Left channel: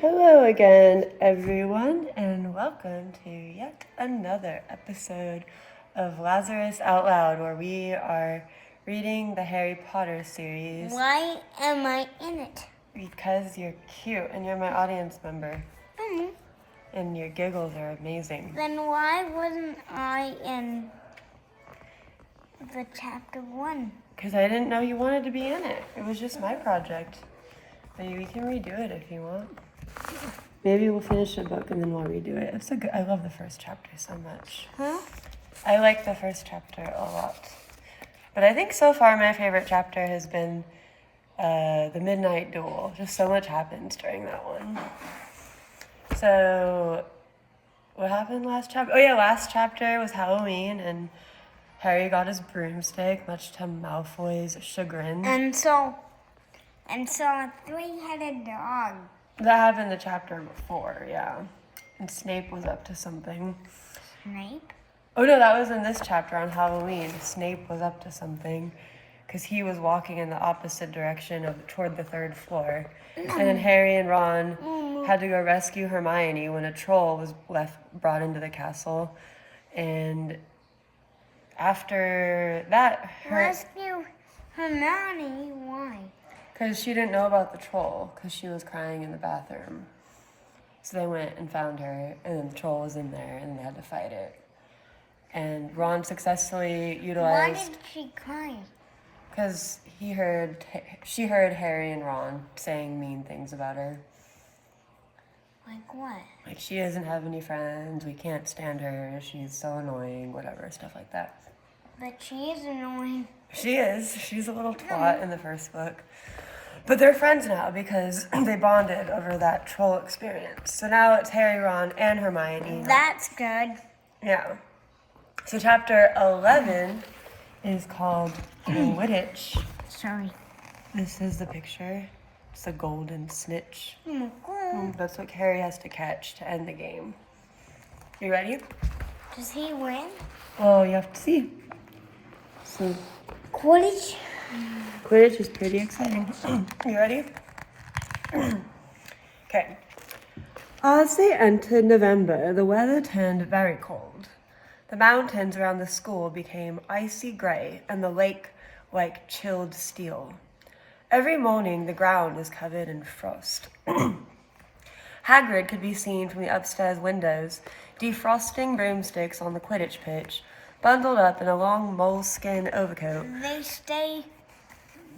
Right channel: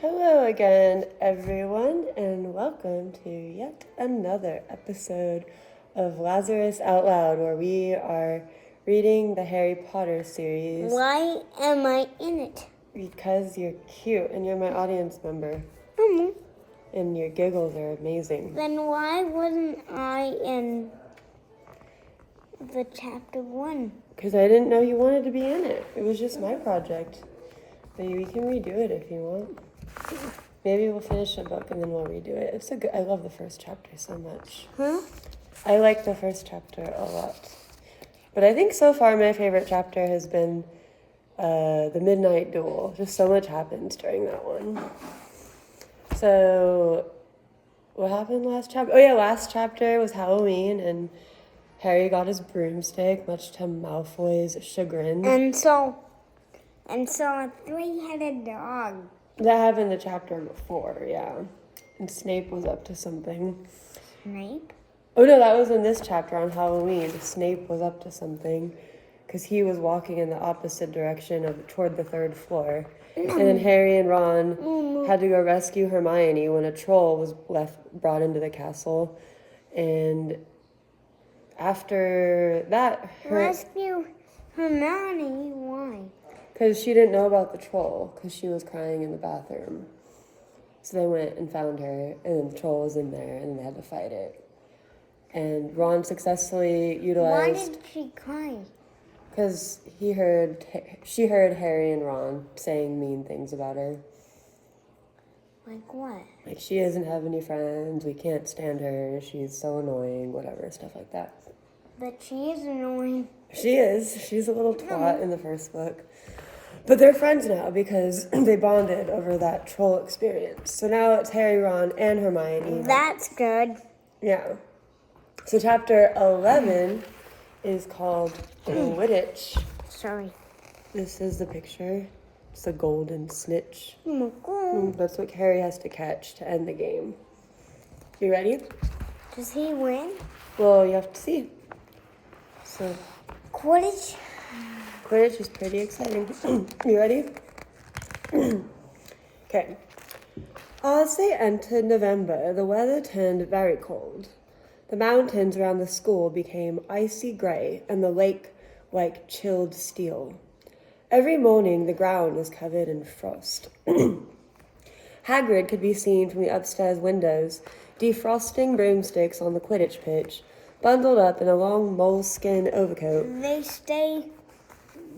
Hello again, everyone, and welcome to yet another episode of Lazarus Out Loud, where we are reading the Harry Potter series. Why am I in it? Because you're cute and you're my audience member. Mm-hmm. And your giggles are amazing. Then why wasn't I in the chapter 1? Because I didn't know you wanted to be in it. It was just my project. But we can redo it if you want. Maybe we'll finish the book and then we'll redo it. I love the first chapter so much. Huh? I like the first chapter a lot. But I think so far my favorite chapter has been the Midnight Duel. Just so much happens during that one. So, what happened last chapter? Oh yeah, last chapter was Halloween and Harry got his broomstick, much to Malfoy's chagrin. And so a three-headed dog. That happened the chapter before, yeah. And Snape was up to something. Snape? Oh no, that was in this chapter on Halloween. Snape was up to something because he was walking in the opposite direction toward the third floor. And then Harry and Ron had to go rescue Hermione when a troll was brought into the castle. And after that, Rescue Hermione? Why? because she didn't know about the troll because she was crying in the bathroom. So they went and found her, and then the troll was in there, and they had to fight it. And Ron successfully utilized... Why did she cry? Because she heard Harry and Ron saying mean things about her. Like what? Like, she doesn't have any friends, we can't stand her, she's so annoying, whatever, stuff like that. But she is annoying. She is. She's a little twat in the first book. But they're friends now because they bonded over that troll experience. So now it's Harry, Ron, and Hermione. That's good. Yeah. So chapter 11 is called QUIDDITCH. Sorry. This is the picture. It's a golden snitch. Oh my God. That's what Harry has to catch to end the game. You ready? Does he win? Well, you have to see. Quidditch? QUIDDITCH is pretty exciting. You ready? Okay. As they entered November, the weather turned very cold. The mountains around the school became icy gray and the lake like chilled steel. Every morning, the ground was covered in frost. Hagrid could be seen from the upstairs windows, defrosting broomsticks on the Quidditch pitch, bundled up in a long moleskin overcoat. They stay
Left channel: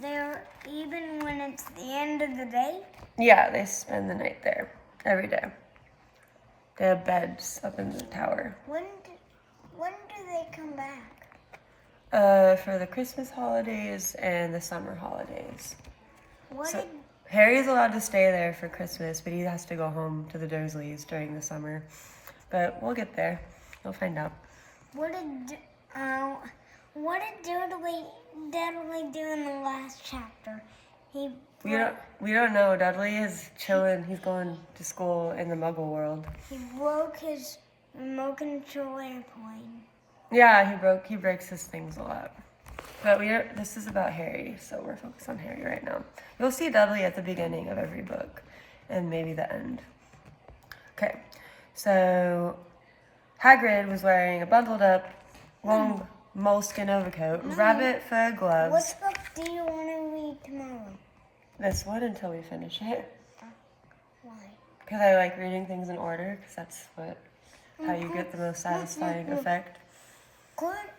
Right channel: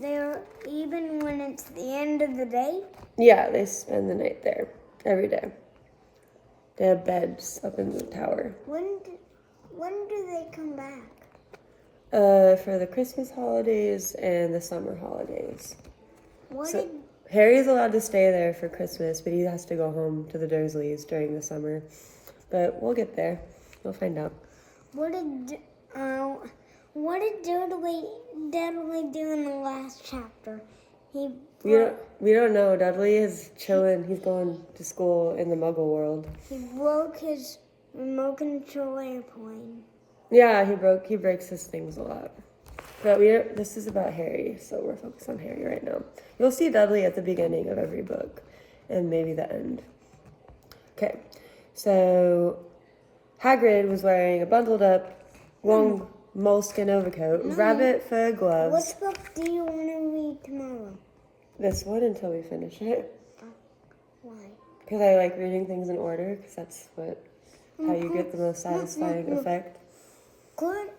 there even when it's the end of the day? Yeah, they spend the night there every day. They have beds up in the tower. When do they come back? For the Christmas holidays and the summer holidays. Harry's allowed to stay there for Christmas, but he has to go home to the Dursleys during the summer. But we'll get there. We'll find out. What did Dudley do in the last chapter? We don't know. Dudley is chilling. He's going to school in the Muggle world. He broke his remote control airplane. Yeah, he breaks his things a lot. But this is about Harry, so we're focused on Harry right now. You'll see Dudley at the beginning of every book, and maybe the end. Okay, so Hagrid was wearing a bundled up, long moleskin overcoat, rabbit fur gloves. What book do you want to read tomorrow? This one until we finish it. Why? Because I like reading things in order, because that's how you get the most satisfying effect. Good.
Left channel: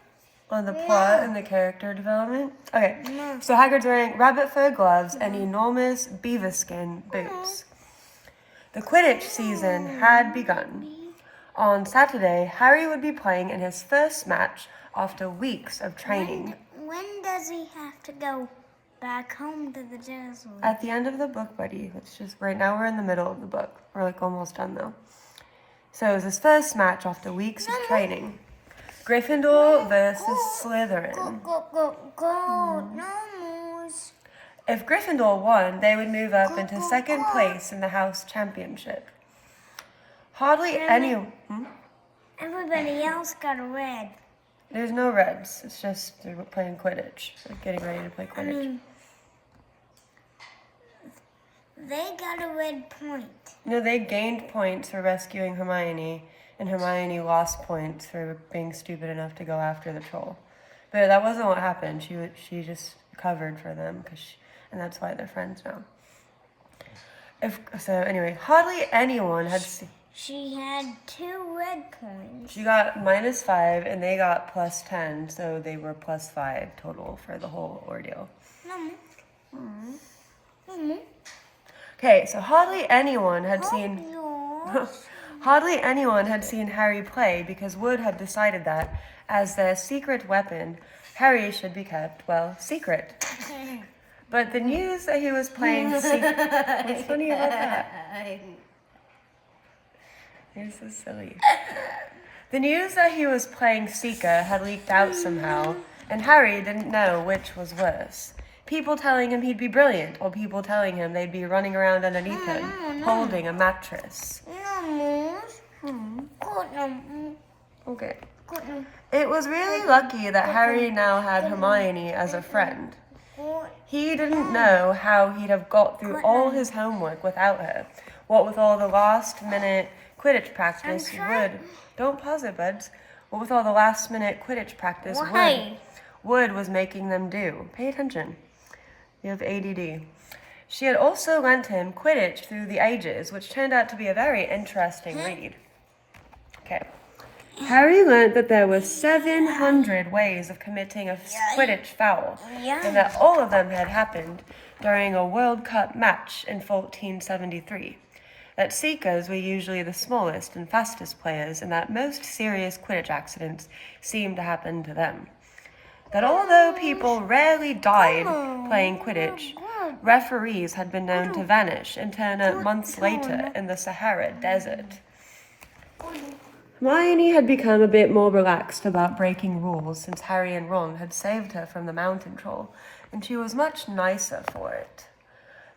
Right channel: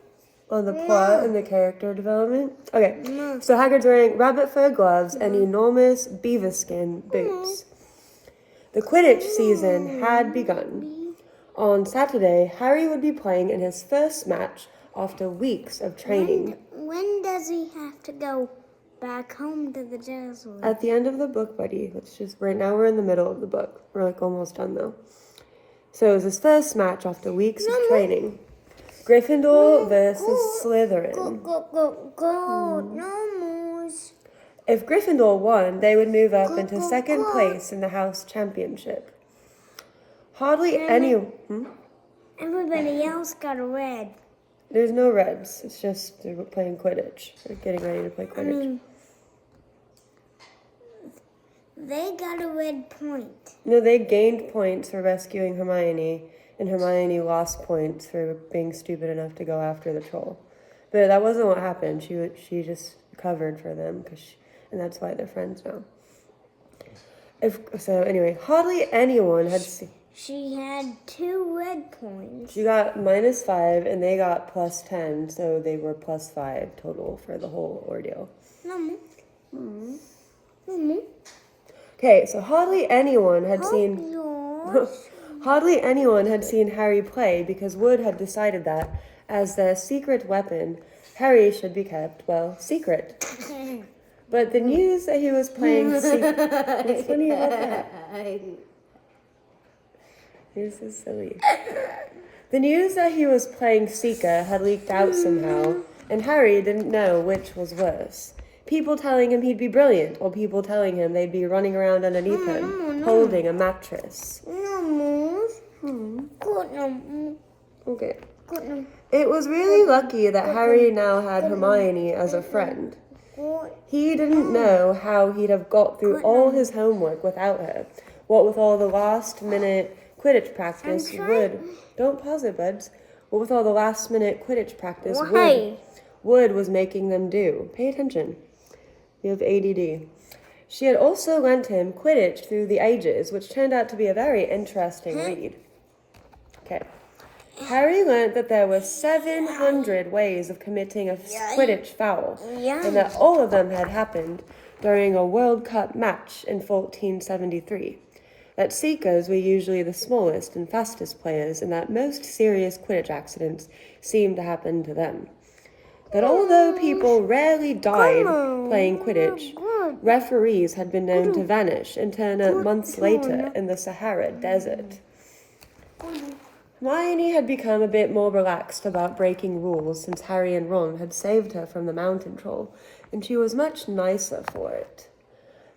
On the plot and the character development. Okay, so Hagrid's wearing rabbit fur gloves and enormous beaver skin boots. The Quidditch season had begun. On Saturday, Harry would be playing in his first match after weeks of training. When does he have to go back home to the Dursleys? At the end of the book, buddy. Right now we're in the middle of the book. We're like almost done though. So it was his first match after weeks of training. Gryffindor versus Slytherin. Go. No moves. If Gryffindor won, they would move up into second place in the house championship. Hardly any... Everybody else got a red. There's no reds. It's just they're playing Quidditch. They're getting ready to play Quidditch. They got a red point. No, they gained points for rescuing Hermione, and Hermione lost points for being stupid enough to go after the troll. But that wasn't what happened. She just covered for them, and that's why they're friends now. Anyway, hardly anyone had seen... She had 2 red points. She got -5, and they got +10, so they were +5 total for the whole ordeal. Okay, so hardly anyone had seen Harry play because Wood had decided that, as their secret weapon, Harry should be kept, well, secret. But the news that he was playing secret... What's funny about that? You're so silly. The news that he was playing Seeker had leaked out somehow, and Harry didn't know which was worse. People telling him he'd be brilliant, or people telling him they'd be running around underneath him, holding a mattress. Okay. It was really lucky that Harry now had Hermione as a friend. He didn't know how he'd have got through all his homework without her. What with all the last-minute Quidditch practice Don't pause it, buds. What with all the last-minute Quidditch practice Wood was making them do. Pay attention. You have ADD. She had also lent him Quidditch Through the Ages, which turned out to be a very interesting read. Okay. Harry learnt that there were 700 ways of committing a Quidditch foul, and that all of them had happened during a World Cup match in 1473. That Seekers were usually the smallest and fastest players, and that most serious Quidditch accidents seemed to happen to them. That although people rarely died playing Quidditch, referees had been known to vanish and turn up months later in the Sahara Desert. Hermione had become a bit more relaxed about breaking rules since Harry and Ron had saved her from the mountain troll, and she was much nicer for it.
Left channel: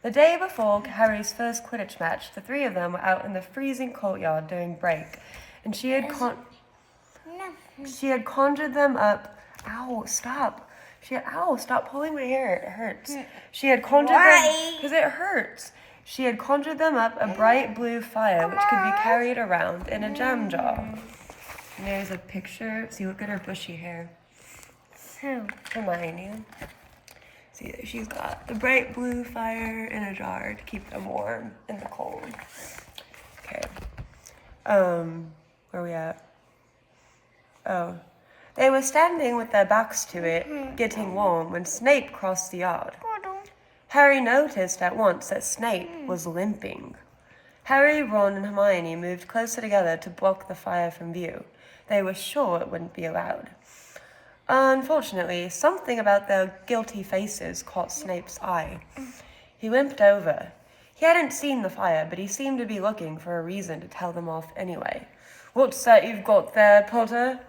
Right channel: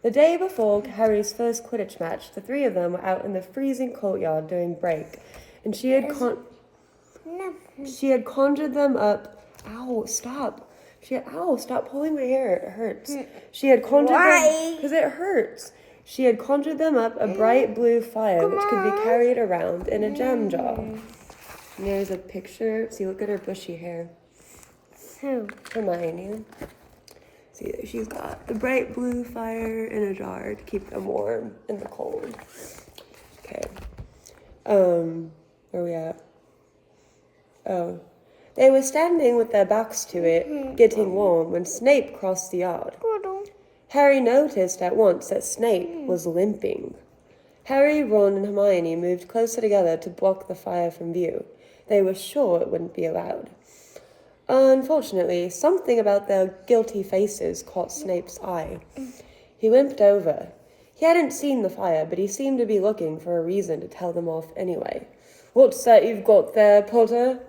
The day before Harry's first Quidditch match, the 3 of them were out in the freezing courtyard doing break, and she had conjured them up. Ow, stop. Stop pulling my hair. It hurts. She had conjured them... Because it hurts. She had conjured them up a bright blue fire which could be carried around in a jam jar. And there's a picture. See, look at her bushy hair. Who? Hermione. See, she's got the bright blue fire in a jar to keep them warm in the cold. Okay. Where are we at? Oh. They were standing with their backs to it, getting warm, when Snape crossed the yard. Harry noticed at once that Snape was limping. Harry, Ron, and Hermione moved closer together to block the fire from view. They were sure it wouldn't be allowed. Unfortunately, something about their guilty faces caught Snape's eye. He limped over. He hadn't seen the fire, but he seemed to be looking for a reason to tell them off anyway. "What's that you've got there, Potter?"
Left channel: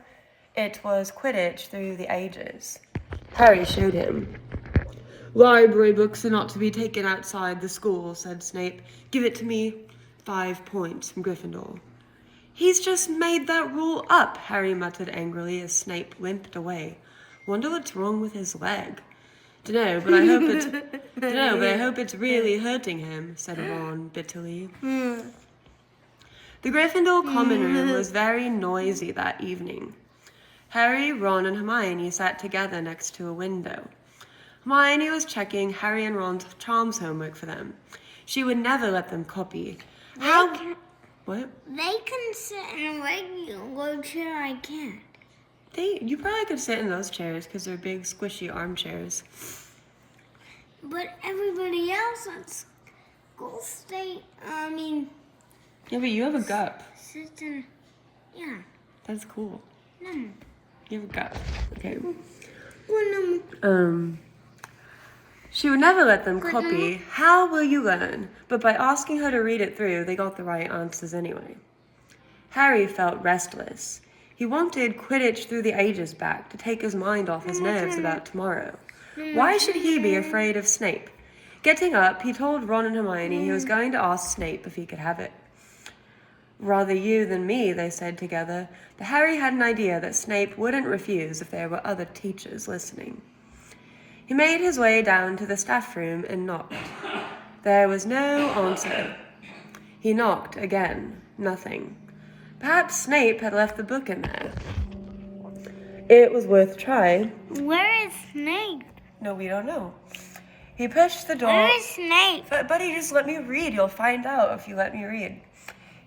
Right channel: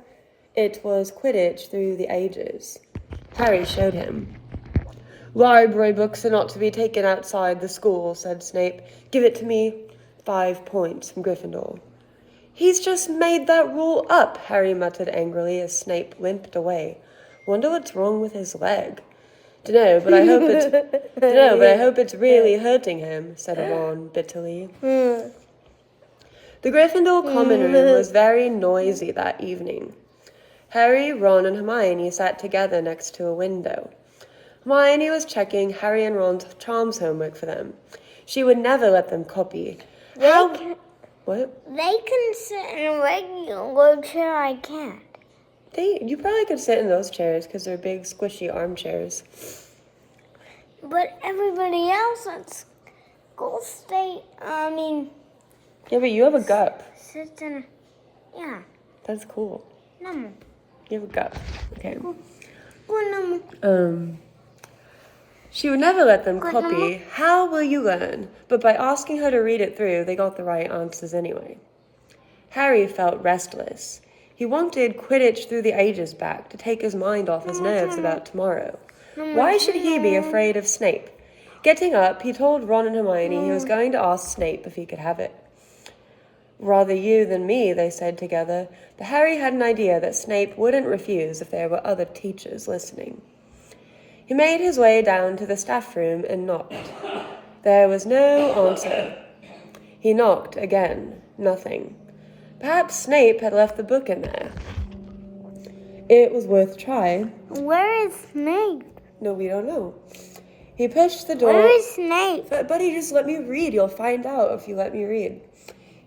It was Quidditch Through the Ages. Harry showed him. "Library books are not to be taken outside the school," said Snape. "Give it to me." 5 points from Gryffindor. "He's just made that rule up," Harry muttered angrily as Snape limped away. "Wonder what's wrong with his leg." Dunno, but I hope it's really hurting him," said Ron bitterly. The Gryffindor common room was very noisy that evening. Harry, Ron, and Hermione sat together next to a window. Hermione was checking Harry and Ron's charms homework for them. She would never let them copy. What? They can sit in a regular chair, I can't. You probably could sit in those chairs because they're big, squishy armchairs. But everybody else at school Yeah, but you have a gup. Sit in, yeah. That's cool. No. You have a gup. Okay. No. She would never let them copy. How will you learn? But by asking her to read it through, they got the right answers anyway. Harry felt restless. He wanted Quidditch Through the Ages back to take his mind off his nerves about tomorrow. Why should he be afraid of Snape? Getting up, he told Ron and Hermione he was going to ask Snape if he could have it. "Rather you than me," they said together, but Harry had an idea that Snape wouldn't refuse if there were other teachers listening. He made his way down to the staff room and knocked. There was no answer. He knocked again. Nothing. Perhaps Snape had left the book in there. It was worth a try. Where is Snape? No, we don't know. He pushed the door. Where is Snape? Buddy, just let me read. You'll find out if you let me read.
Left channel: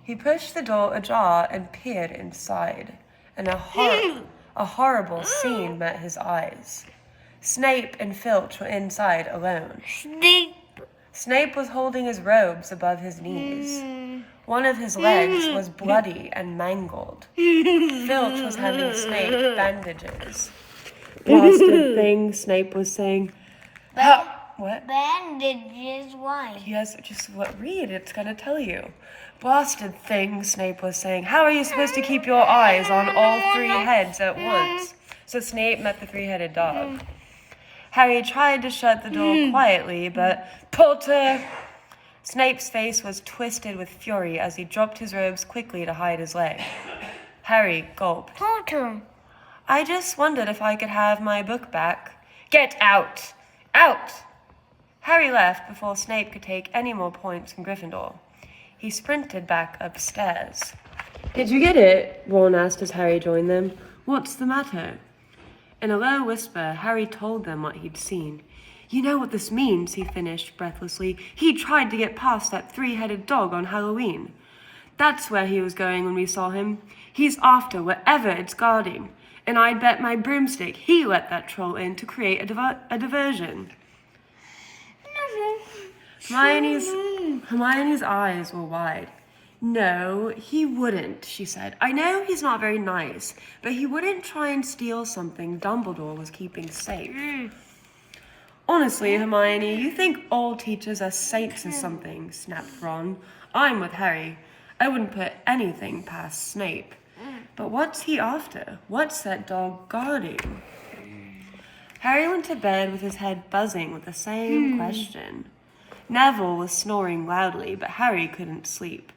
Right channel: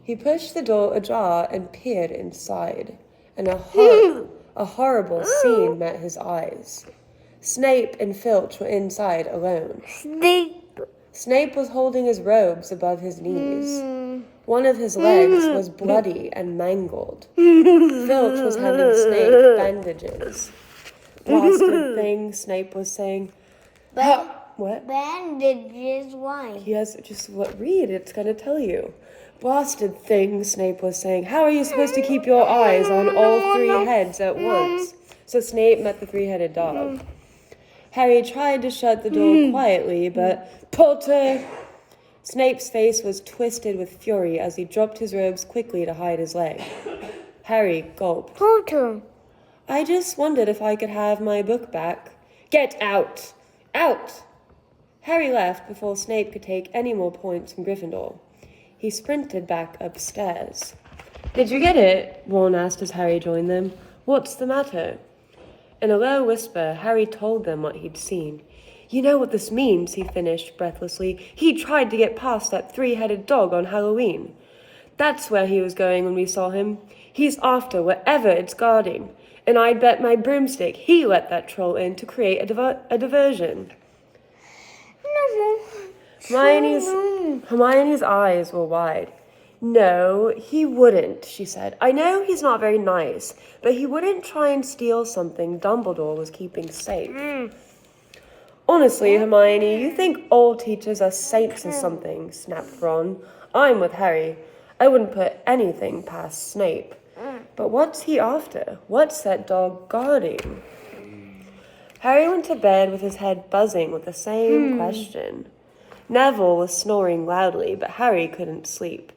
He pushed the door ajar and peered inside, and a horrible scene met his eyes. Snape and Filch were inside alone. Snape was holding his robes above his knees. One of his legs was bloody and mangled. Filch was handing Snape bandages. Blasted thing, Snape was saying. What? Bandages, why? Yes, just read, it's gonna tell you. Blasted thing, Snape was saying. How are you supposed to keep your eyes on all three heads at once? So Snape met the three-headed dog. Harry tried to shut the door quietly, but Potter! Snape's face was twisted with fury as he dropped his robes quickly to hide his leg. Harry gulped. Potter. I just wondered if I could have my book back. Get out! Out! Harry left before Snape could take any more points from Gryffindor. He sprinted back upstairs. Did you get it? Ron asked as Harry joined them. What's the matter? In a low whisper, Harry told them what he'd seen. You know what this means, he finished breathlessly. He tried to get past that three-headed dog on Halloween. That's where he was going when we saw him. He's after whatever it's guarding. And I'd bet my broomstick he let that troll in to create a diversion. Hermione's eyes were wide. No, he wouldn't, she said. I know he's not very nice, but he wouldn't try and steal something Dumbledore was keeping safe. Honestly, Hermione, you think all teachers are saints or something, snapped Ron. I'm with Harry. I wouldn't put anything past Snape. But what's he after? What's that dog guarding? Harry went to bed with his head buzzing with the same question. Neville was snoring loudly, but Harry couldn't sleep.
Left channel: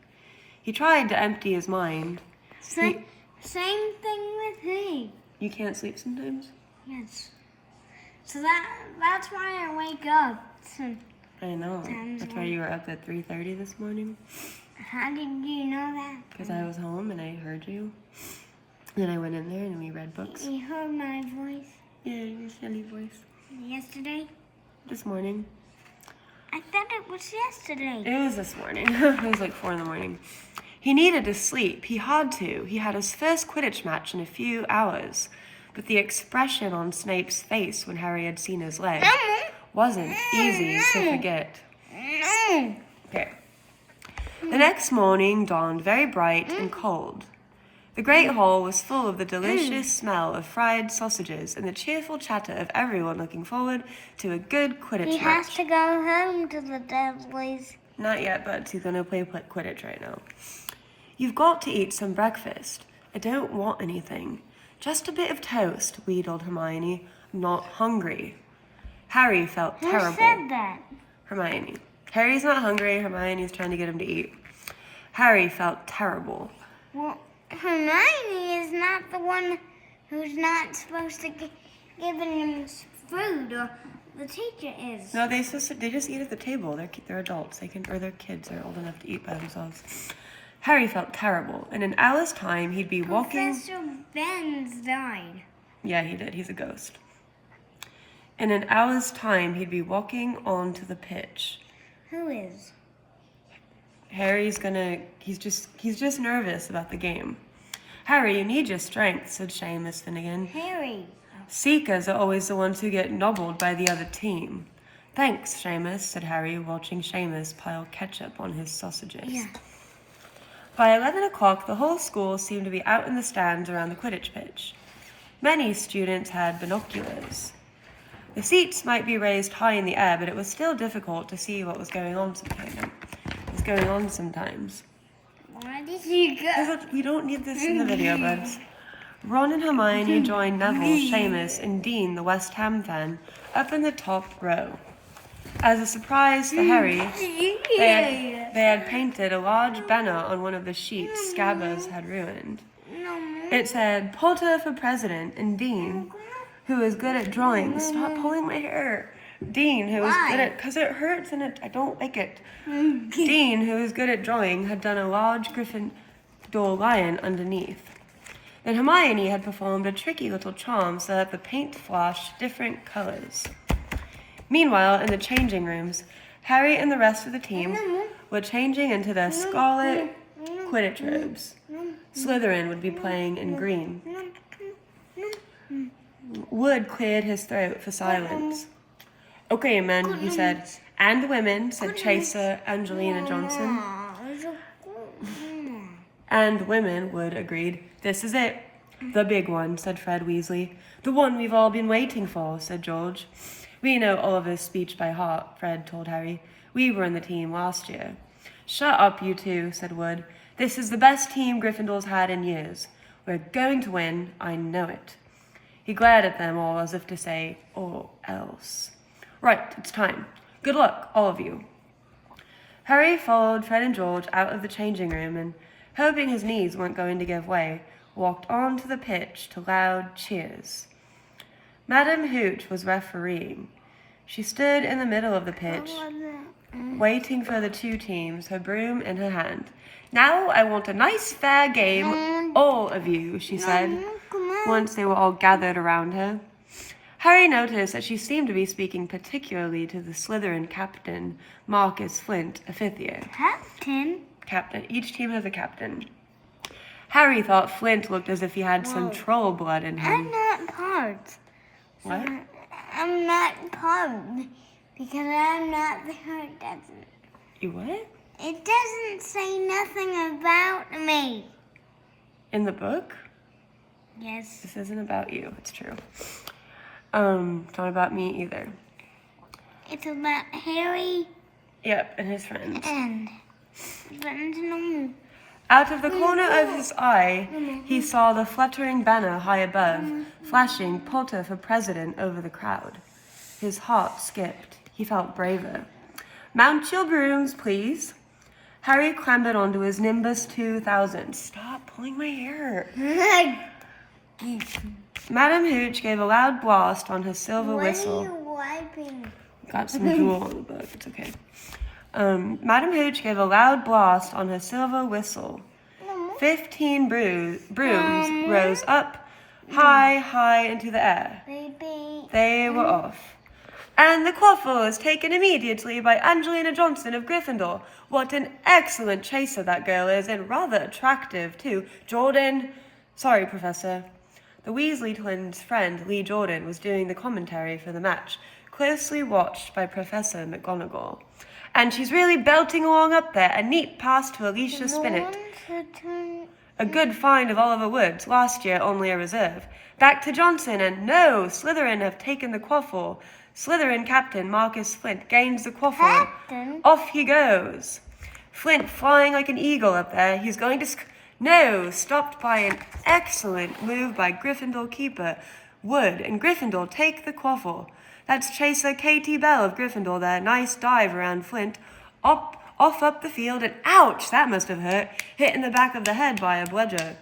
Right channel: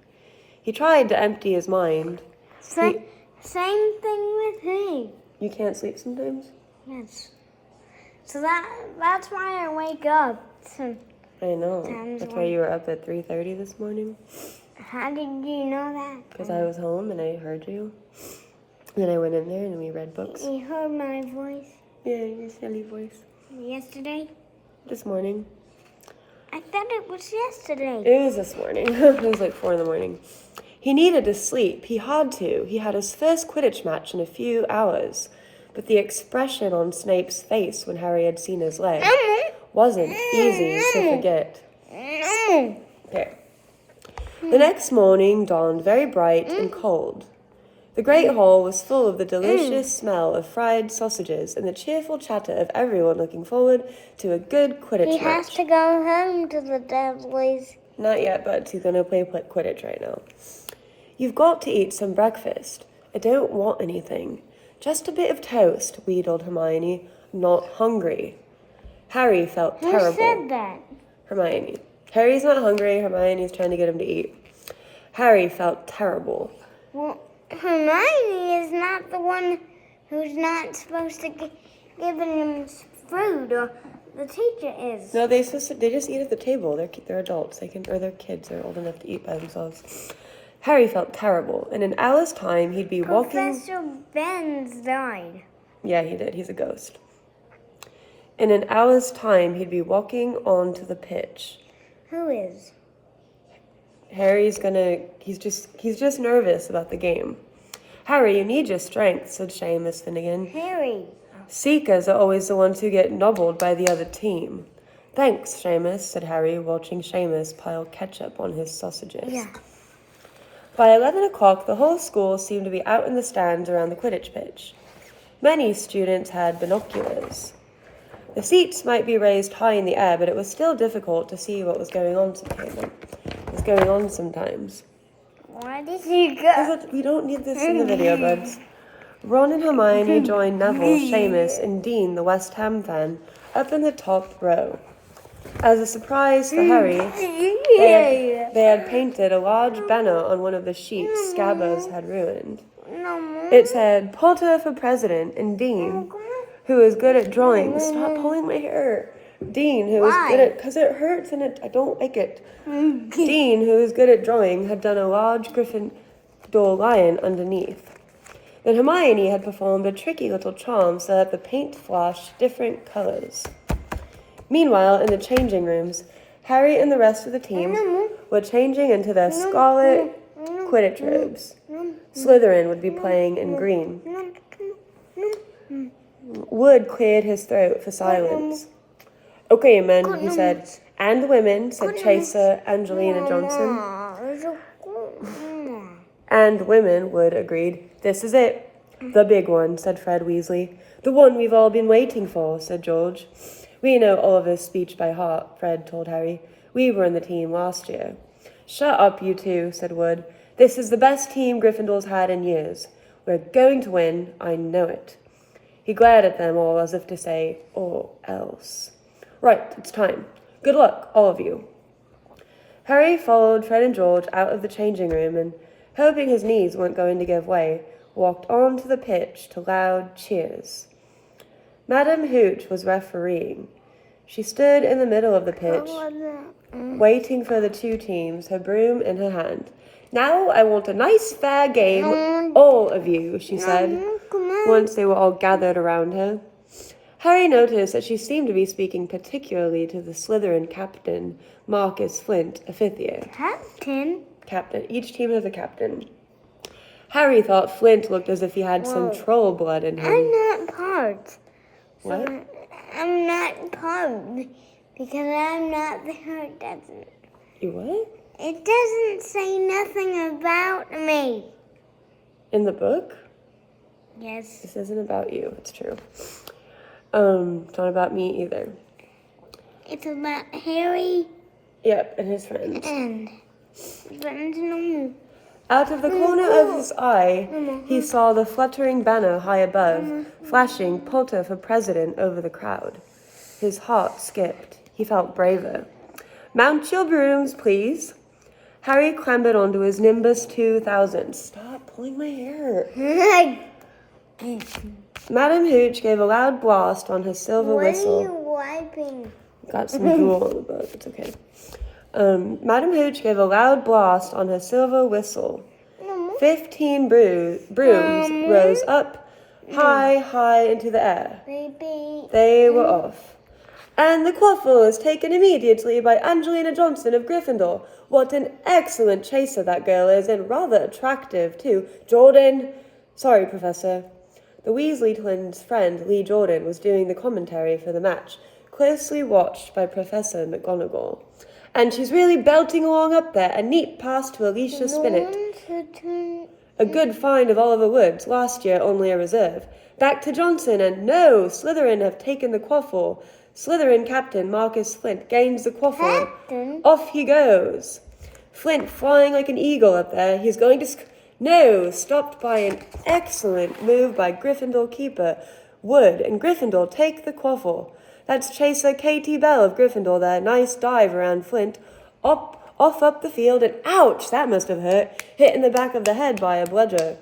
He tried to empty his mind. Same thing with me. You can't sleep sometimes? Yes. So that's why I wake up. I know. That's why you were up at 3:30 this morning. How did you know that? Because I was home and I heard you. Then I went in there and we read books. You heard my voice? Yeah, your silly voice. Yesterday? This morning. I thought it was yesterday. It was this morning. It was like 4 a.m. He needed to sleep. He had to. He had his first Quidditch match in a few hours. But the expression on Snape's face when Harry had seen his leg wasn't easy to forget. Okay. The next morning dawned very bright and cold. The Great Hall was full of the delicious smell of fried sausages and the cheerful chatter of everyone looking forward to a good Quidditch match. He has to go home to the Dursleys. Not yet, but he's going to play Quidditch right now. You've got to eat some breakfast. I don't want anything. Just a bit of toast, wheedled Hermione. I'm not hungry. Harry felt terrible. Who said that? Hermione. Harry's not hungry. Hermione's trying to get him to eat. Harry felt terrible. Well, Hermione is not the one who's not supposed to give him food, or the teacher is. No, they just eat at the table. They're adults. They're kids. They're old enough to eat by themselves. Harry felt terrible. In an hour's time, he'd be walking. Professor Benz died. Yeah, he did. He's a ghost. In an hour's time, he'd be walking onto the pitch. Who is? He's just nervous about the game. Harry, you need your strength, said Seamus Finnegan. Harry. Seekers are always the ones who get nobbled by the other team. Thanks, Seamus, said Harry, watching Seamus pile ketchup on his sausages. Yeah. By 11 o'clock, the whole school seemed to be out in the stands around the Quidditch pitch. Many students had binoculars. The seats might be raised high in the air, but it was still difficult to see what was going on sometimes. Why did you go? We don't need this in the video, buds. Ron and Hermione joined Neville, Seamus, and Dean, the West Ham fan, up in the top row. As a surprise for Harry, they had painted a large banner on one of the sheets Scabbers had ruined. It said, Potter for President, and Dean, who is good at drawing. Stop pulling my hair. Dean, who was Why? good at, because it hurts and I don't like it. Dean, who was good at drawing, had done a large Gryffindor lion underneath. Then Hermione had performed a tricky little charm so that the paint flashed different colors. Meanwhile, in the changing rooms, Harry and the rest of the team were changing into their scarlet Quidditch robes. Slytherin would be playing in green. Wood cleared his throat for silence. Okay, men, he said. And the women, said Chaser Angelina Johnson. And women, Wood agreed. This is it. The big one, said Fred Weasley. The one we've all been waiting for, said George. We know Oliver's speech by heart, Fred told Harry. We were in the team last year. Shut up, you two, said Wood. This is the best team Gryffindor's had in years. We're going to win, I know it. He glared at them all as if to say, or else. Right, it's time. Good luck, all of you. Harry followed Fred and George out of the changing room and, hoping his knees weren't going to give way, walked onto the pitch to loud cheers. Madame Hooch was refereeing. She stood in the middle of the pitch, waiting for the two teams, her broom in her hand. Now I want a nice fair game, all of you, she said, once they were all gathered around her. Harry noticed that she seemed to be speaking particularly to the Slytherin captain, Marcus Flint, a fifth year. Captain. Each team has a captain. Harry thought Flint looked as if he had some troll blood in him. I'm not part. What? I'm not part because I'm not the hurt. Doesn't. You what? It doesn't say nothing about me. In the book? Yes. This isn't about you. It's true. It's not about me either. It's about Harry. Yep, and his friends. And Out of the corner of his eye, he saw the fluttering banner high above, flashing Potter for president over the crowd. His heart skipped. He felt braver. Mount your brooms, please. Harry clambered onto his Nimbus 2000. Stop pulling my hair. Madame Hooch gave a loud blast on her silver whistle. What are you wiping? Got some drool on the book. It's okay. Madame Hooch gave a loud blast on her silver whistle. 15 brooms rose up high into the air. They were off. And the quaffle is taken immediately by Angelina Johnson of Gryffindor. What an excellent chaser that girl is, and rather attractive, too. Jordan. Sorry, Professor. The Weasley twins' friend, Lee Jordan, was doing the commentary for the match, closely watched by Professor McGonagall. And she's really belting along up there. A neat pass to Alicia Spinnet. A good find of Oliver Woods, last year only a reserve. Back to Johnson, and no, Slytherin have taken the quaffle. Slytherin captain Marcus Flint gains the quaffle. Off he goes. Flint flying like an eagle up there. He's going to... No, stopped by an excellent move by Gryffindor keeper Wood, and Gryffindor take the quaffle. That's chaser Katie Bell of Gryffindor there. Nice dive around Flint. Off up the field, and ouch, that must have hurt. Hit in the back of the head by a bludger.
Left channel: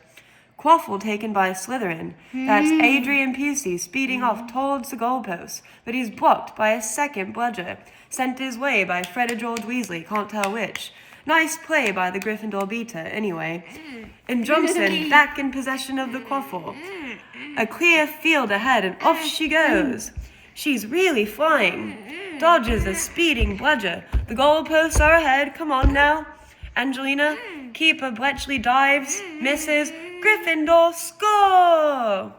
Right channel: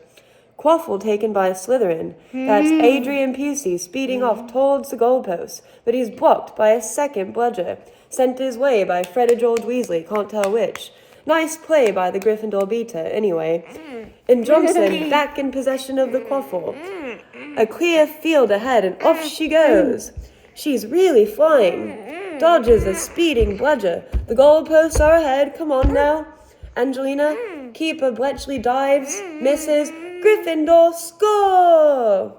Quaffle taken by Slytherin. That's Adrian Pusey speeding off towards the goalpost, but he's blocked by a second bludger. Sent his way by Fred or George Weasley, can't tell which. Nice play by the Gryffindor beater, anyway. And Johnson back in possession of the quaffle. A clear field ahead, and off she goes. She's really flying. Dodges a speeding bludger. The goalposts are ahead. Come on now. Angelina, keeper Bletchley dives, misses. Gryffindor score!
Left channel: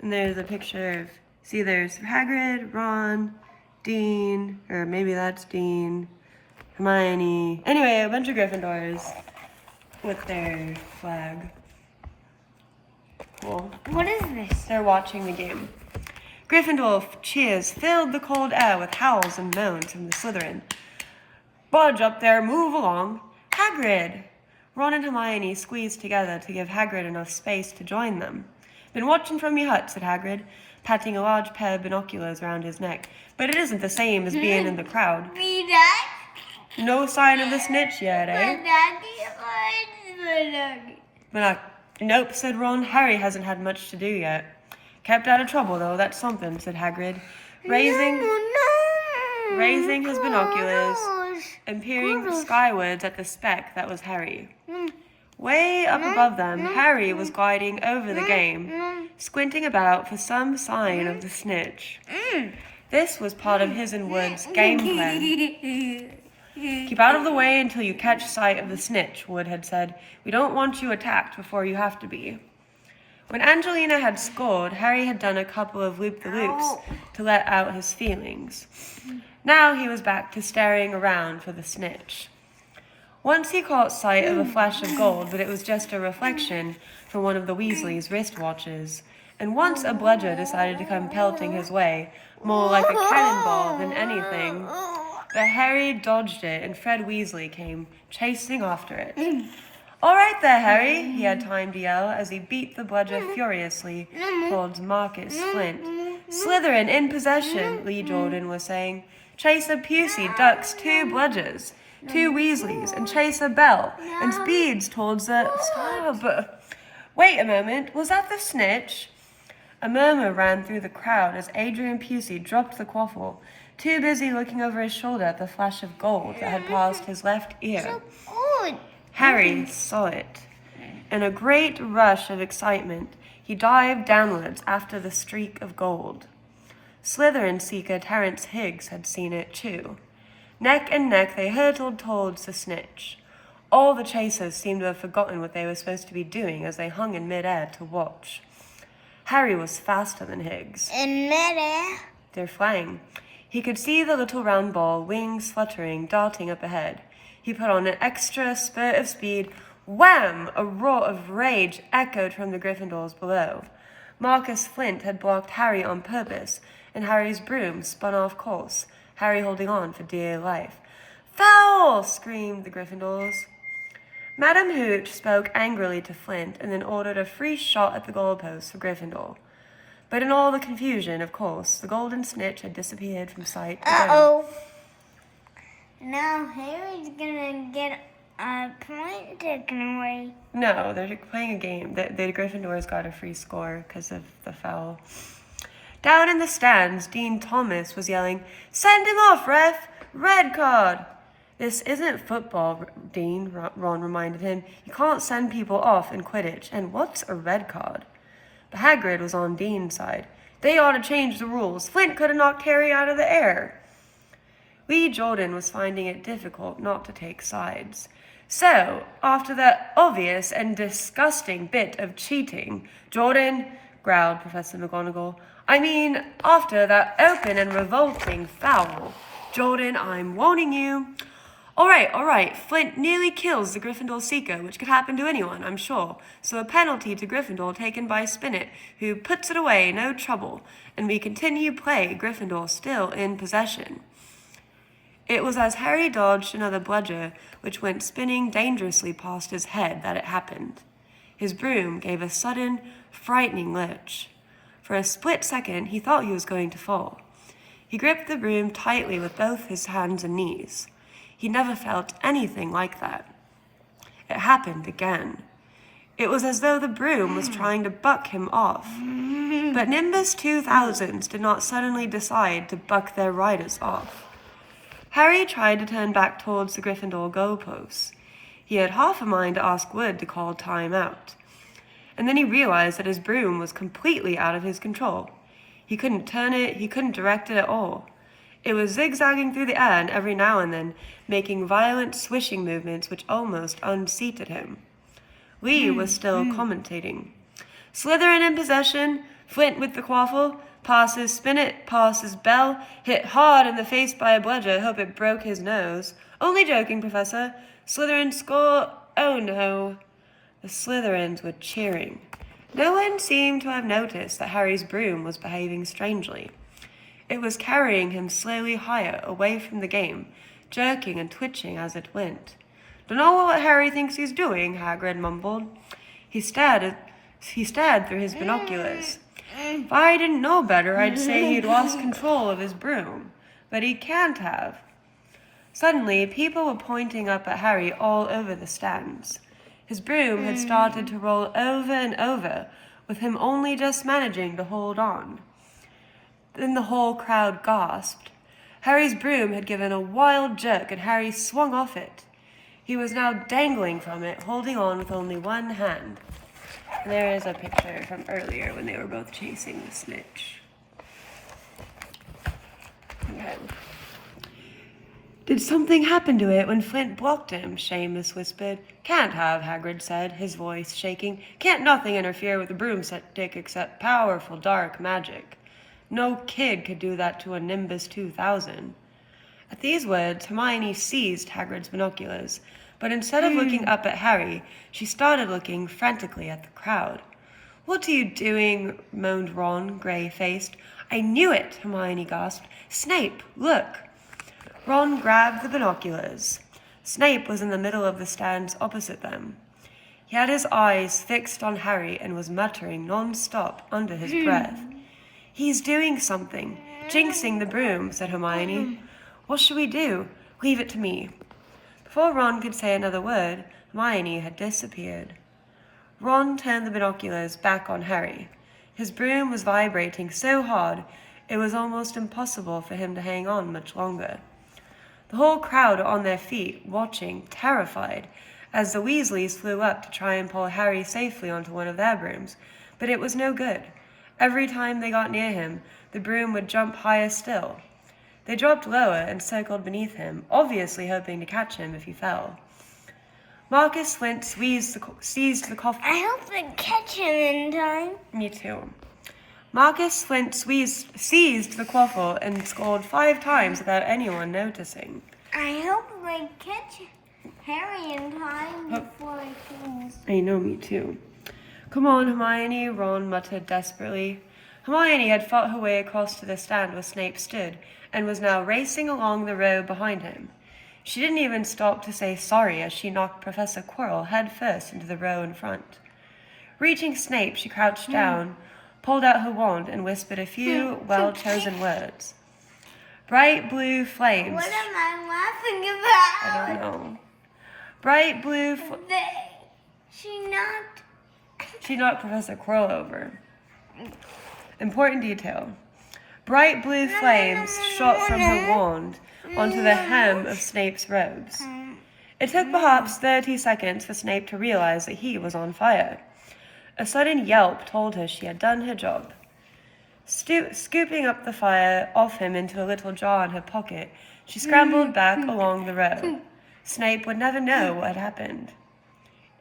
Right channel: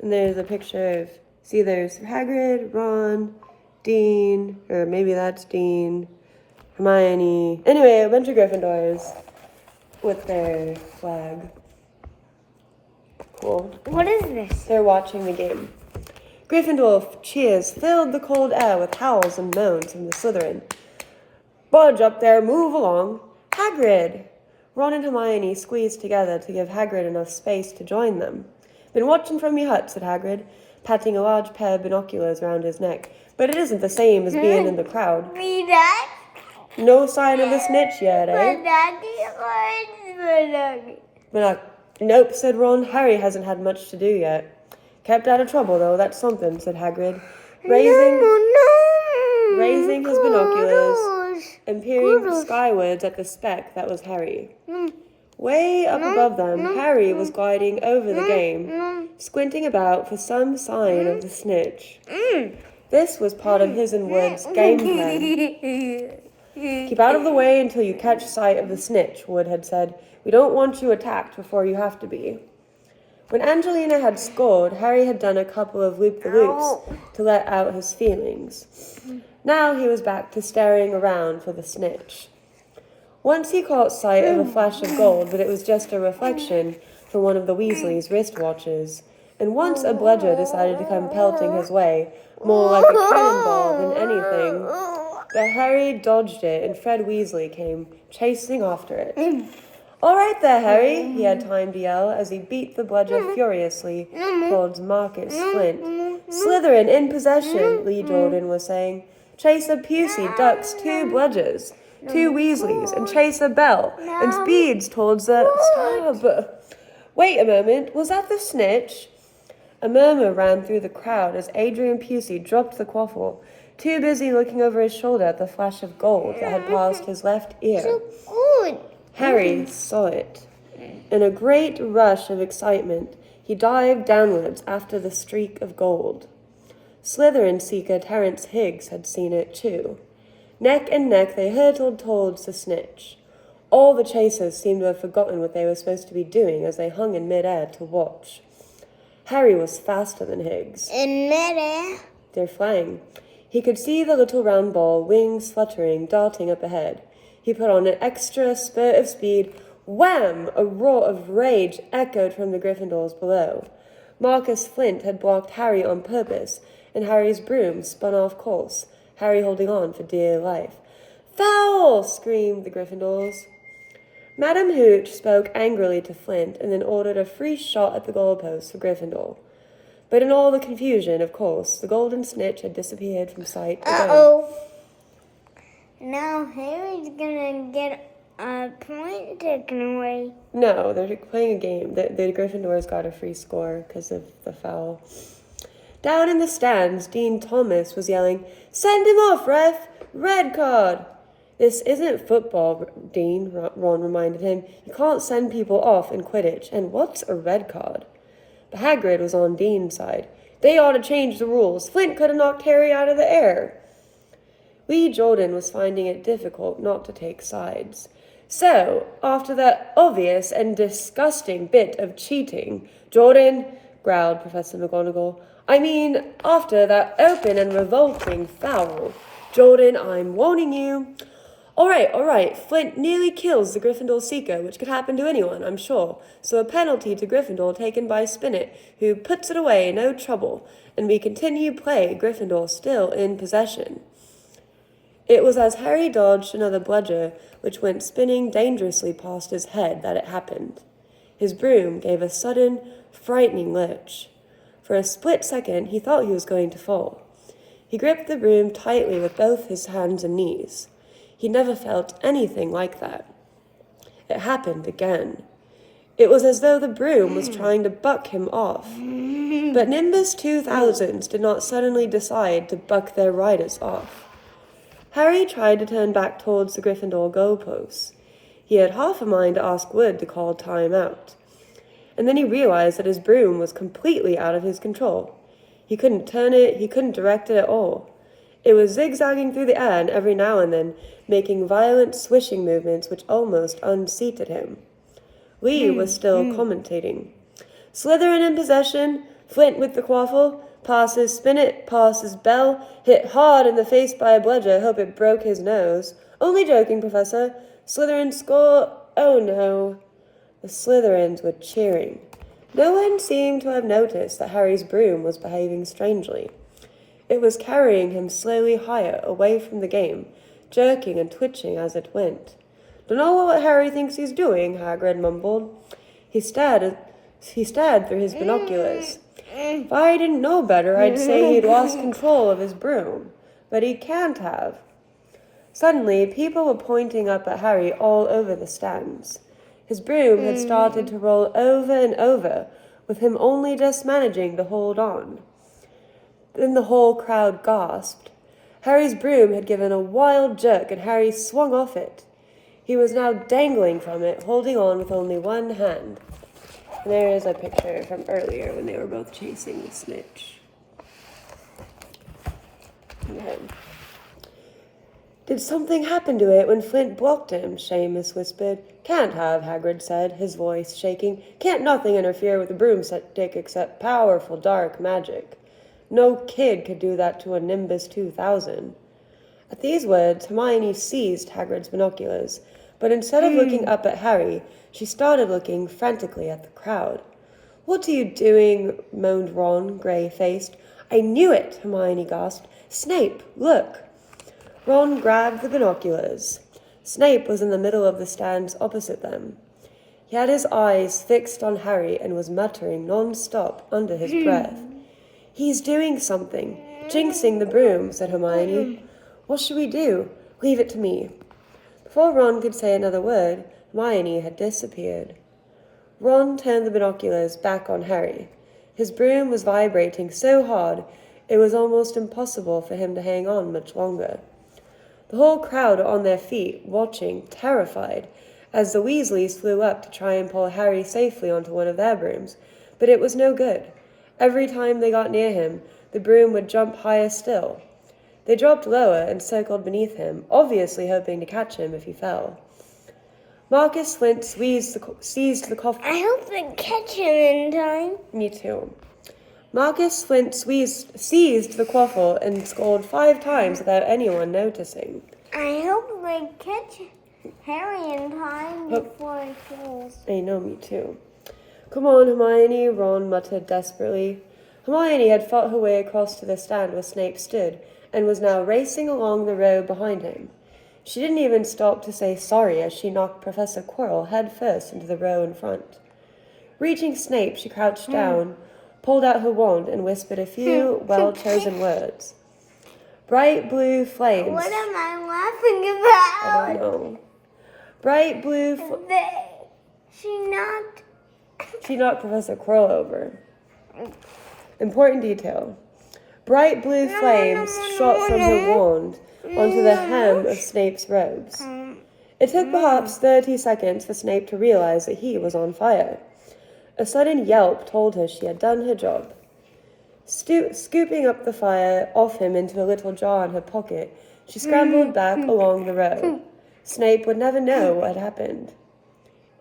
And there's a picture of, see, there's Hagrid, Ron, Dean, or maybe that's Dean, Hermione. Anyway, a bunch of Gryffindors with their flag. Cool. What is this? They're watching the game. Gryffindor cheers filled the cold air with howls and moans from the Slytherin. Budge up there, move along. Hagrid! Ron and Hermione squeezed together to give Hagrid enough space to join them. Been watching from your hut, said Hagrid, patting a large pair of binoculars around his neck. But it isn't the same as being in the crowd. No sign of the snitch yet, eh? Nope, said Ron. Harry hasn't had much to do yet. Kept out of trouble, though, that's something, said Hagrid. Raising... No. raising his binoculars Cuddles. and peering Cuddles. skywards at the speck that was Harry. Way up above them, Harry was gliding over the game, squinting about for some sign of the snitch. This was part of his and Wood's game plan. Keep out of the way until you catch sight of the snitch, Wood had said. We don't want you attacked before you have to be. When Angelina had scored, Harry had done a couple of loop-the-loops to let out his feelings. Now he was back to staring around for the snitch. Once he caught sight of a flash of gold, but it was just a reflection from one of the Weasleys' wristwatches. And once a bludger decided to come pelting his way, more like a cannonball than anything. But Harry dodged it, and Fred Weasley came chasing after it. All right there, Harry, he had time to yell as he beat the bludger furiously towards Marcus Flint. Slytherin in possession, Lee Jordan was saying. Chaser Pusey ducks 2 bludgers, 2 Weasleys, and Chaser Bell, and speeds towards the... Stop! Wait a moment, was that the snitch? A murmur ran through the crowd as Adrian Pusey dropped the quaffle, too busy looking over his shoulder at the flash of gold that had passed his left ear. Harry saw it. In a great rush of excitement, he dived downwards after the streak of gold. Slytherin seeker Terence Higgs had seen it too. Neck and neck they hurtled towards the snitch. All the chasers seemed to have forgotten what they were supposed to be doing as they hung in midair to watch. Harry was faster than Higgs. In midair? They're flying. He could see the little round ball, wings fluttering, darting up ahead. He put on an extra spurt of speed. Wham! A roar of rage echoed from the Gryffindors below. Marcus Flint had blocked Harry on purpose, and Harry's broom spun off course, Harry holding on for dear life. Foul! Screamed the Gryffindors. Madam Hooch spoke angrily to Flint and then ordered a free shot at the goalpost for Gryffindor. But in all the confusion, of course, the golden snitch had disappeared from sight again. Uh-oh. Now Harry's gonna get a point taken away. No, they're playing a game. The Gryffindors got a free score because of the foul. Down in the stands, Dean Thomas was yelling, "Send him off, ref! Red card!" "This isn't football, Dean," Ron reminded him. "You can't send people off in Quidditch. And what's a red card?" But Hagrid was on Dean's side. "They ought to change the rules. Flint could have knocked Harry out of the air." Lee Jordan was finding it difficult not to take sides. "So, after that obvious and disgusting bit of cheating, Jordan," growled Professor McGonagall, "I mean, after that open and revolting foul. Jordan, I'm warning you." All right. Flint nearly kills the Gryffindor Seeker, which could happen to anyone, I'm sure. So a penalty to Gryffindor taken by Spinnet, who puts it away, no trouble. And we continue play, Gryffindor still in possession." It was as Harry dodged another bludger, which went spinning dangerously past his head, that it happened. His broom gave a sudden, frightening lurch. For a split second, he thought he was going to fall. He gripped the broom tightly with both his hands and knees. He never felt anything like that. It happened again. It was as though the broom was trying to buck him off. But Nimbus 2000s did not suddenly decide to buck their riders off. Harry tried to turn back towards the Gryffindor goalposts. He had half a mind to ask Wood to call time out. And then he realized that his broom was completely out of his control. He couldn't turn it, he couldn't direct it at all. It was zigzagging through the air and every now and then making violent swishing movements which almost unseated him. Lee was still commentating. "Slytherin in possession, Flint with the quaffle, passes Spinnet, passes Bell, hit hard in the face by a bludger, hope it broke his nose. Only joking, Professor. Slytherin score, oh no." The Slytherins were cheering. No one seemed to have noticed that Harry's broom was behaving strangely. It was carrying him slowly higher, away from the game, jerking and twitching as it went. "Dunno what Harry thinks he's doing," Hagrid mumbled. He stared through his binoculars. "If I didn't know better, I'd say he'd lost control of his broom. But he can't have." Suddenly, people were pointing up at Harry all over the stands. His broom had started to roll over and over, with him only just managing to hold on. Then the whole crowd gasped. Harry's broom had given a wild jerk, and Harry swung off it. He was now dangling from it, holding on with only one hand. And there is a picture from earlier when they were both chasing the snitch. Okay. Did something happen to it when Flint blocked him? Seamus whispered. Can't have, Hagrid said, his voice shaking. Can't nothing interfere with a broomstick except powerful dark magic. No kid could do that to a Nimbus 2000. At these words, Hermione seized Hagrid's binoculars, but instead of looking up at Harry, she started looking frantically at the crowd. What are you doing? Moaned Ron, grey-faced. I knew it, Hermione gasped. Snape, look. Ron grabbed the binoculars. Snape was in the middle of the stands opposite them. He had his eyes fixed on Harry and was muttering non-stop under his breath. He's doing something. Jinxing the broom, said Hermione. What should we do? Leave it to me. Before Ron could say another word, Hermione had disappeared. Ron turned the binoculars back on Harry. His broom was vibrating so hard, it was almost impossible for him to hang on much longer. The whole crowd were on their feet, watching, terrified, as the Weasleys flew up to try and pull Harry safely onto one of their brooms, but it was no good. Every time they got near him, the broom would jump higher still. They dropped lower and circled beneath him, obviously hoping to catch him if he fell. Marcus Flint seized the coffin. I hope they catch him in time. Me too. Marcus Flint seized the quaffle and scolded 5 times without anyone noticing. I hope they catch Harry in time before he kills. I know, me too. Come on, Hermione, Ron muttered desperately. Hermione had fought her way across to the stand where Snape stood and was now racing along the row behind him. She didn't even stop to say sorry as she knocked Professor Quirrell head first into the row in front. Reaching Snape, she crouched down, pulled out her wand, and whispered a few well-chosen words. Bright blue flames. What am I laughing about? I don't know. Bright blue She knocked Professor Quirrell over. Important detail. Bright blue flames shot from her wand onto the hem of Snape's robes. It took perhaps 30 seconds for Snape to realize that he was on fire. A sudden yelp told her she had done her job. Scooping up the fire off him into a little jar in her pocket, she scrambled back along the row. Snape would never know what had happened.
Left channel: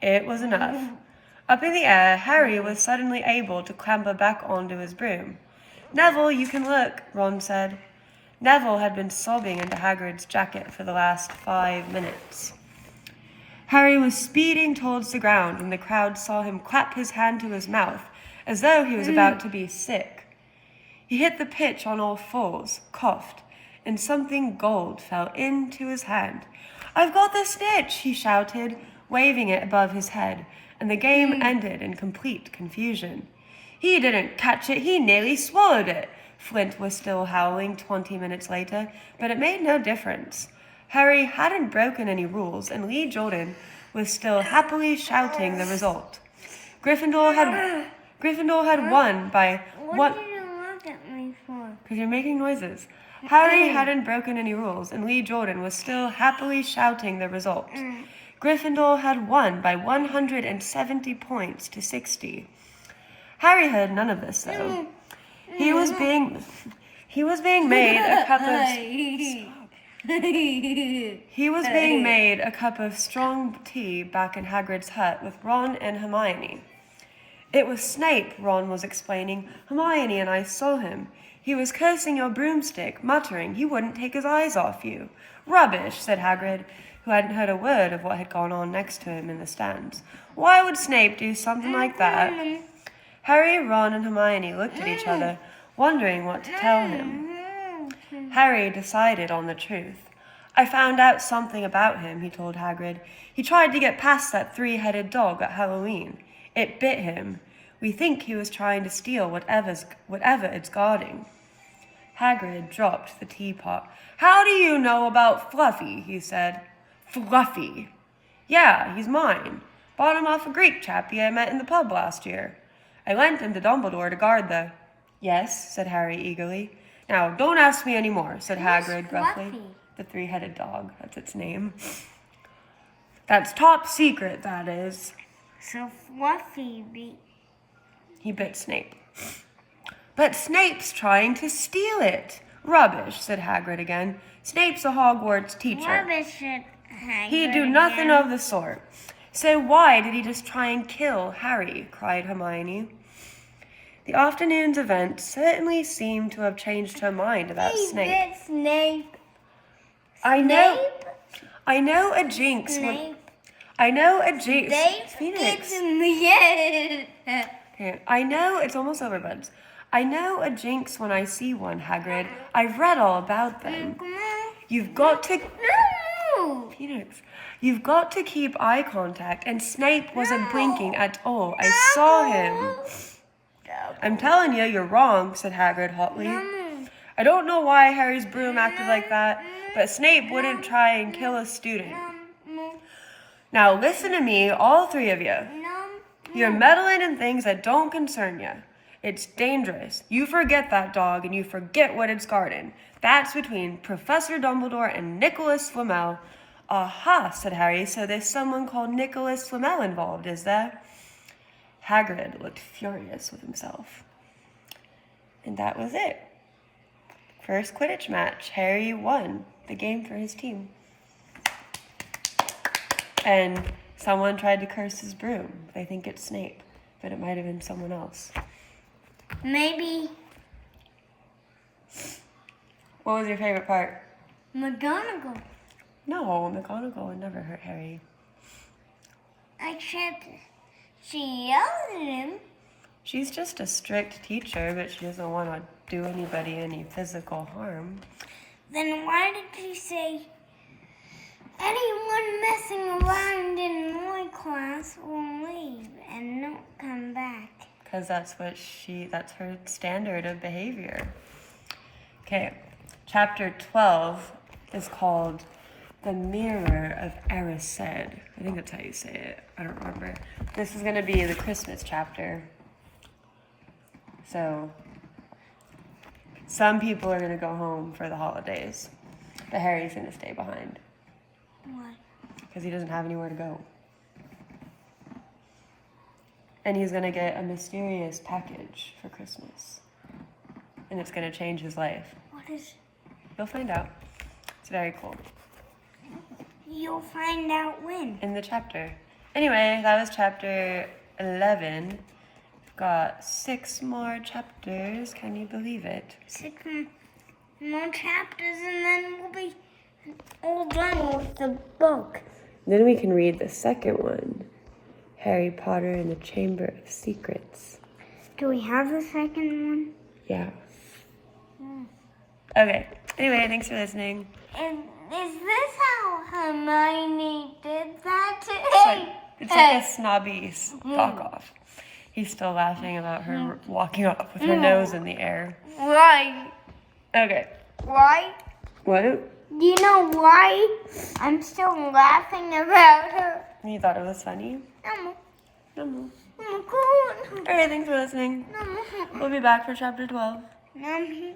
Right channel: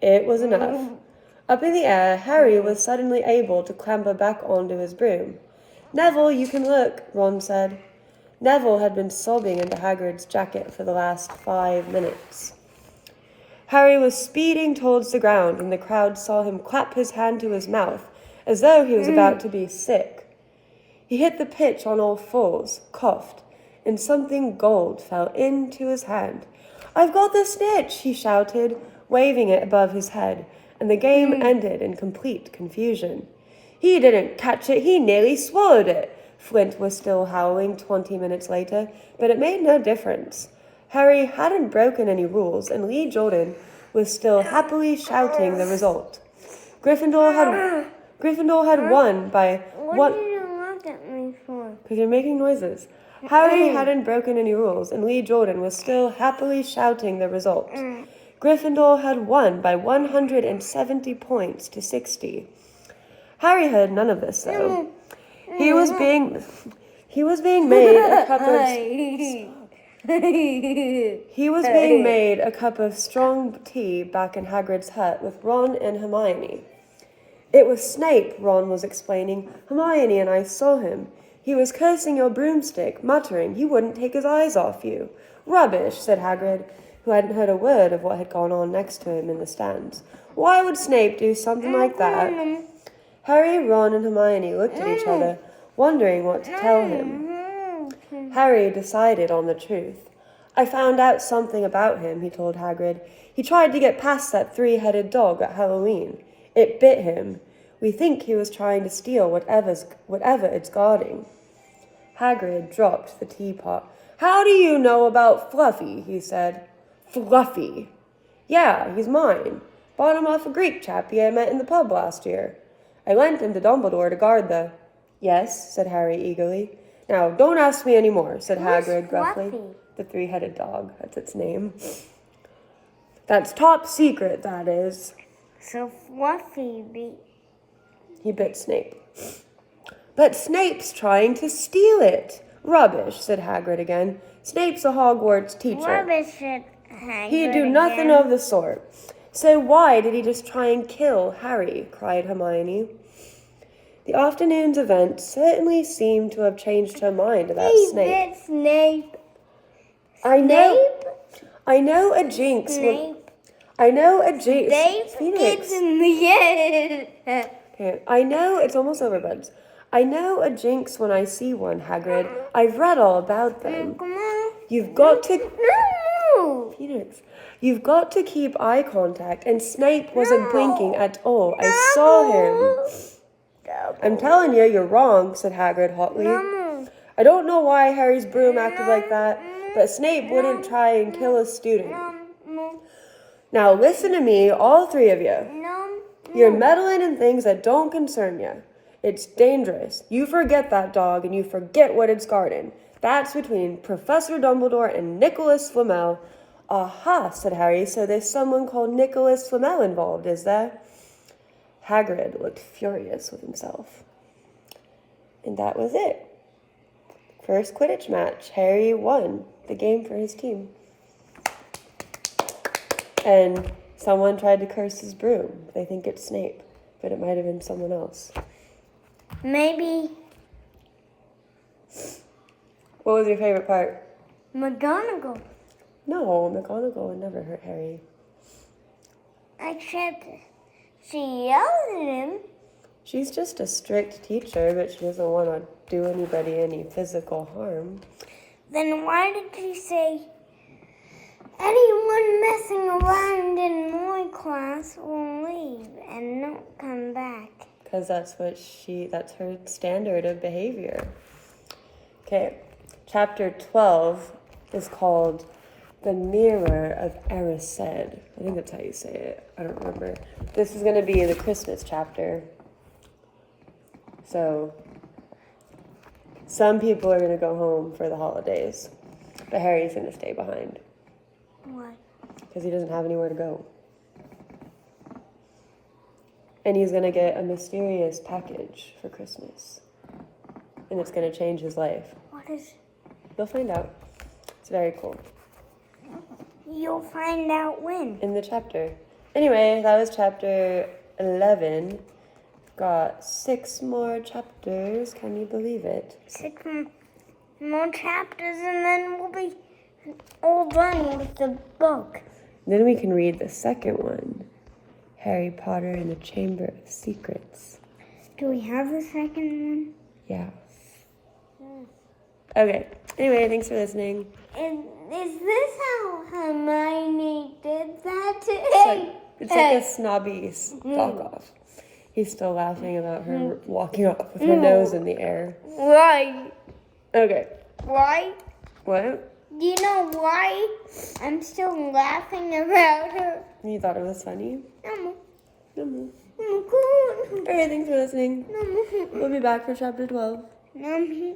It was enough. Up in the air, Harry was suddenly able to clamber back onto his broom. Neville, you can look, Ron said. Neville had been sobbing into Hagrid's jacket for the last 5 minutes. Harry was speeding towards the ground when the crowd saw him clap his hand to his mouth as though he was about to be sick. He hit the pitch on all fours, coughed, and something gold fell into his hand. I've got the snitch, he shouted, waving it above his head, and the game ended in complete confusion. He didn't catch it, he nearly swallowed it. Flint was still howling 20 minutes later, but it made no difference. Harry hadn't broken any rules, and Lee Jordan was still happily shouting the result. Gryffindor had won by What did you look at me for? Because you're making noises. Harry hadn't broken any rules, and Lee Jordan was still happily shouting the result. Gryffindor had won by 170 points to 60. Harry heard none of this, though. He was being made a cup of strong tea back in Hagrid's hut with Ron and Hermione. It was Snape, Ron was explaining. Hermione and I saw him. He was cursing your broomstick, muttering he wouldn't take his eyes off you. Rubbish, said Hagrid, who hadn't heard a word of what had gone on next to him in the stands. Why would Snape do something like that? Harry, Ron, and Hermione looked at each other, wondering what to tell him. Harry decided on the truth. I found out something about him, he told Hagrid. He tried to get past that 3-headed dog at Halloween. It bit him. We think he was trying to steal whatever it's guarding. Hagrid dropped the teapot. How do you know about Fluffy? He said. Fluffy. Yeah, he's mine. Bought him off a Greek chappie I met in the pub last year. I lent him to Dumbledore to guard the... Yes, said Harry eagerly. Now, don't ask me anymore, said Hagrid gruffly. Fluffy? The three-headed dog, that's its name. That's top secret, that is. So Fluffy beat. He bit Snape. But Snape's trying to steal it. Rubbish, said Hagrid again. Snape's a Hogwarts teacher. Rubbish, said Hagrid. He'd do nothing of the sort. So why did he just try and kill Harry? Cried Hermione. The afternoon's event certainly seemed to have changed her mind about Snape. He bit Snape. I know a Snape. jinx. Snape. I know a jinx. Snape Phoenix. in the head. Okay. I know it's almost over, buds. I know a jinx when I see one, Hagrid. I've read all about them. Come on. You've got to... No. Phoenix. You've got to keep eye contact, and Snape wasn't blinking at all. I saw him. I'm telling you, you're wrong, said Hagrid hotly. I don't know why Harry's broom acted like that, but Snape wouldn't try and kill a student. Now listen to me, all three of you. You're meddling in things that don't concern you. It's dangerous. You forget that dog, and you forget what it's guarding. That's between Professor Dumbledore and Nicholas Flamel. Aha, said Harry, so there's someone called Nicholas Flamel involved, is there? Hagrid looked furious with himself. And that was it. First Quidditch match. Harry won the game for his team. And someone tried to curse his broom. They think it's Snape, but it might have been someone else. Maybe What was your favorite part? McGonagall. No, McGonagall would never hurt Harry. Except she yelled at him. She's just a strict teacher, but she doesn't want to do anybody any physical harm. Then why did she say, anyone messing around in my class will leave and not come back? Because that's her standard of behavior. Okay, chapter 12 is called The Mirror of Erised. I think that's how you say it. I don't remember. This is going to be the Christmas chapter. So, some people are going to go home for the holidays, but Harry's going to stay behind. Why? Because he doesn't have anywhere to go. And he's going to get a mysterious package for Christmas. And it's going to change his life. What is... You'll find out. It's very cool. You'll find out when? In the chapter. Anyway, that was chapter 11. We've got 6 more chapters. Can you believe it? 6 more chapters and then we'll be all done with the book. Then we can read the second one. Harry Potter and the Chamber of Secrets. Do we have the second one? Yeah. Okay. Anyway, thanks for listening. And is this how Hermione did that? It's like a snobby fuck off. He's still laughing about her walking off with her nose in the air. Why? Okay. Why? What? Do you know why I'm still laughing about her? You thought it was funny? No. No. Oh, Alright, thanks for listening. no. We'll be back for chapter 12. No.